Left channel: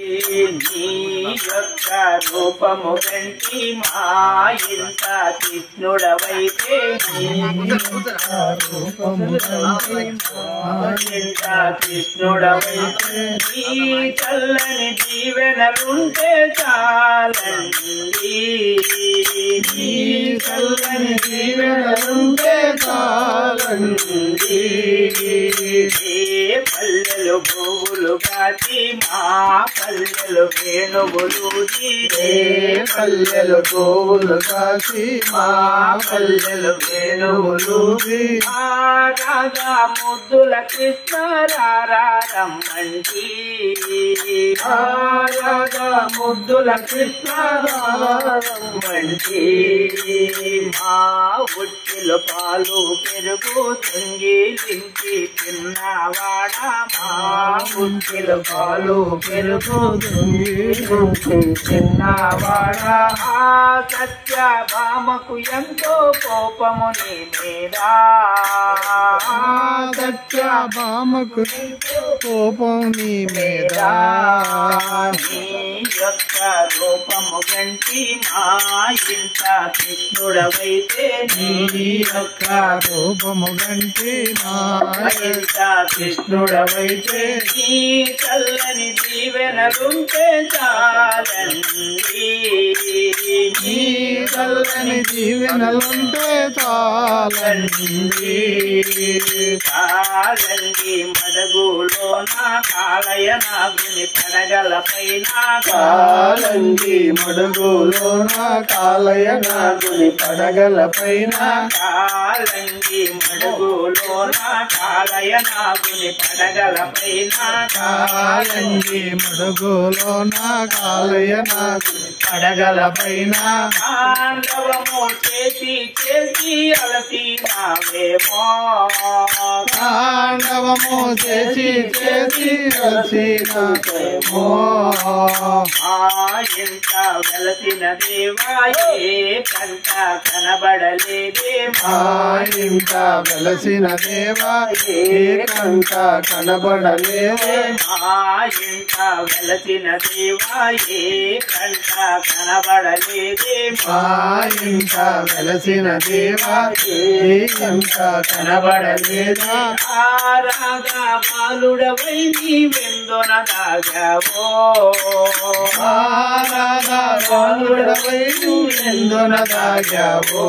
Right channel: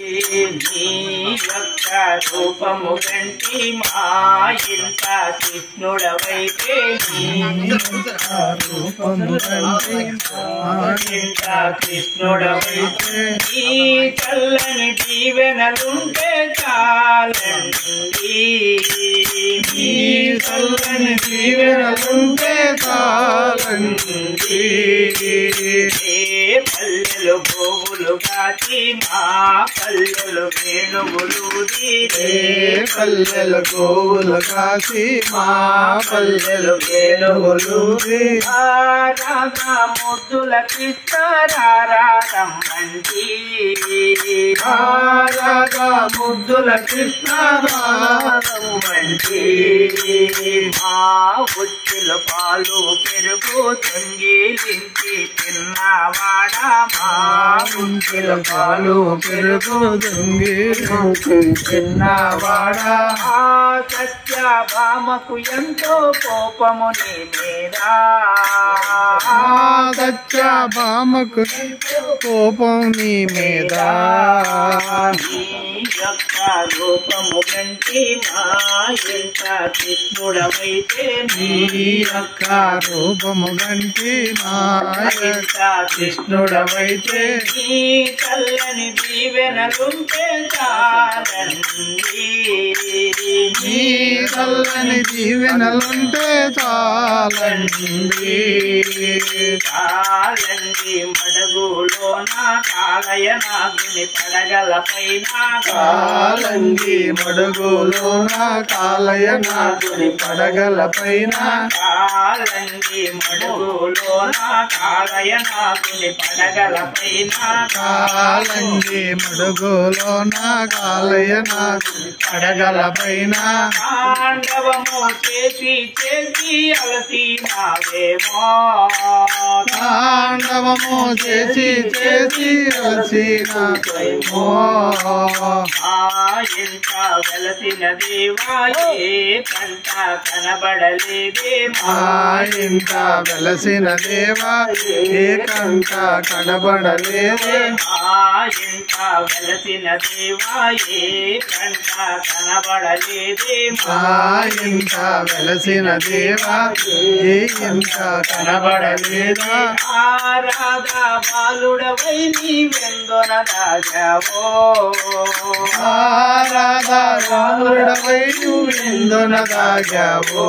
నీ యొక్క రూపము గంటి మా ఇంత కృష్ణుడవైతే కృష్ణుడవైతే నీ చల్లని దీవెనలుంటే చాలండి నీ చల్లని దీవెనలుంటే చాలండి పల్లెలు పువ్వులు కాచి మా పల్లెలు వేణుగులూది పల్లెలు పువ్వులు కాచి మా పల్లెలు వేణుగులూది రాధా ముద్దుల కృష్ణ రారమ్మంటి రాధా ముద్దుల కృష్ణ రారమ్మంటి మా ఉచ్చుల పాలు పెరుగు సంగీలించి తిన్నవాడా మా ఉచ్చుల పాలు పెరుగు సంగీలించి తిన్నవాడా సత్యభామకు ఎంతో కోపము నీ మీద సత్యభామకు కోపం నీ మీద నీ యొక్క రూపము గంటి మా ఇంత కృష్ణుడవైతే నీ యొక్క రూపము గంటి మా యొక్క కృష్ణుడవైతే నీ చల్లని దీవెనలుంటే చాలండి నీ చల్లని దీవెనలుంటే చాలండి కాలంగి మడుగులోన కాలయ నాగుని పడగల పైన కాలంగి మడుగులోన కాలయ నాగుని పడగల పైన కాలంగి మడుగులోన కాలయ నాగుని పడగల పైన కాలంగి మడుగులోన కాలయ నాగుని పడగల పైన తాండవము చేసి చేసి అలసినావేమో తాండవము చేసి చేసి అలసినావేమో ఇంత వెలసిన దేవా ఏ పంట కనబడలేదే మా ఇంత వెలసిన దేవా ఏ కంట కనబడలేదే ఇంత వెలసిన దేవా ఏ పంట కనబడలేదే మా ఇంత వెలసిన దేవా ఏ కంట కనబడలేదా రాధా బాలుడవై నీవెందొన దాగావో రాధా బాలుడవై నువ్వెందున దాగావో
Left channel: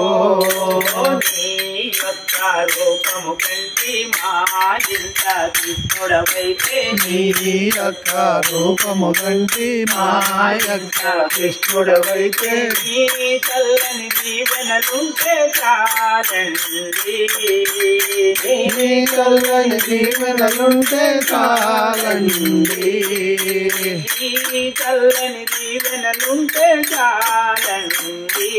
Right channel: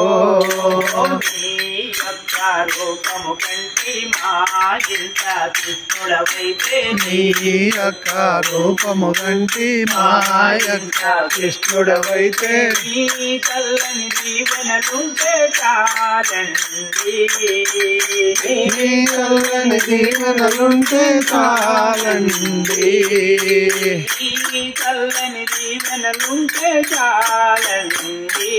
నీ యొక్క రూపము కంటి మా ఇంత కృష్ణుడవైతే నీ యొక్క రూపము గంటి మా యొక్క కృష్ణుడవైతే నీ చల్లని దీవెనలుంటే చాలండి నీ చల్లని దీవెనలుంటే చాలండి నీ చల్లని దీవెనలుంటే చాలండి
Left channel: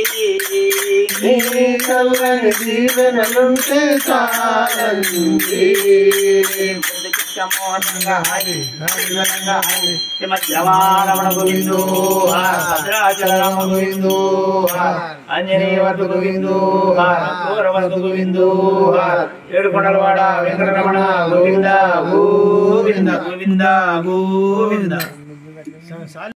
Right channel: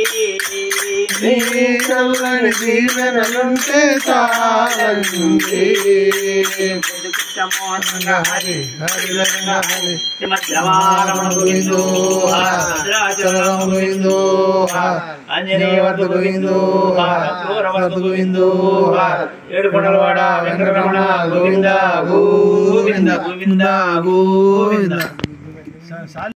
నీ చల్లని దీవెనలుంటే చాలండి రంగా హరి హరి రంగా హరి శ్రీమద్రమారమణ గోవిందో భద్రాచలం గోవిందో ఆంజనేయవద్ద గోవిందో దూరవద్ద గోవిందో ఏడుకొండలవాడ వెంకటరమణ గోవింద గోవింద గోవింద గోవింద